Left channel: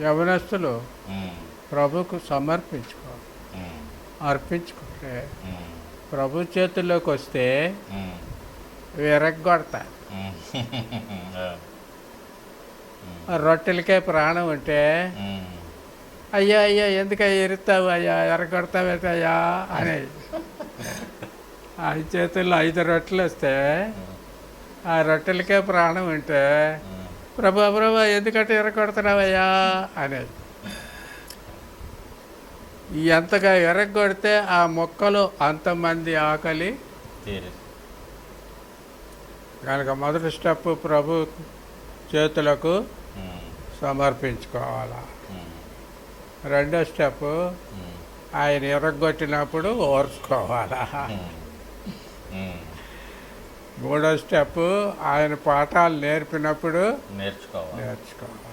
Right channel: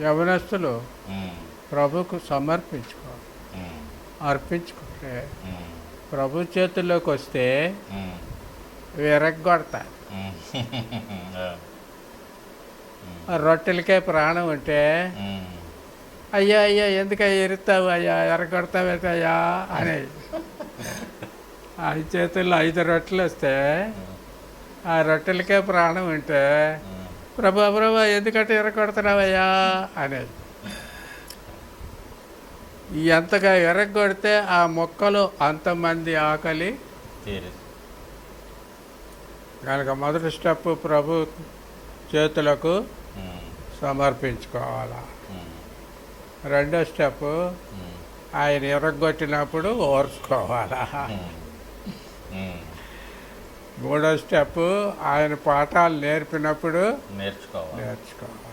యవనస్తులు ఉమ్, ప్రభుకు సమర్పించుకో ఉమ్, అర్పించుకుంటే ఉమ్, ప్రభు చేతుల్లోకి వస్తే ఉమ్, విరగ్గొడతారు. ఉమ్. ఆ రొట్టెలకే ప్రాణం ఉంటే ఉమ్, అయ్యా అయ్యా ఎందుకయ్యా ఎరుతావు అయ్యా ఎరగొడతావేటయ్యా అనేది. ఆ చేతుల్లో 5 రొట్టెలు వస్తే ఆ రొట్టెలకే ప్రాణం ఉంటే ప్రభా ప్రభా ఎందుకంటే ఎరగొడుతున్నావయ్యా అనేది. ఎంతగా ఎరగొడితే ఆ మొక్కలో అంతమంది ఆకలి. తీరు. దానికి మొదటి స్టెప్ ప్రభు చేతులకు సమర్పించుకోవాలా. ఉమ్, రెండో స్టెప్ ఉమ్, ఆయన ఎరగొట్టినప్పుడు ఓర్చుకోవాలా. ఉమ్. మూడో స్టెప్ ఆయన పాఠాలు నేర్పినప్పుడు నేర్చుకోవాలి. నేర్చుకోవాలి.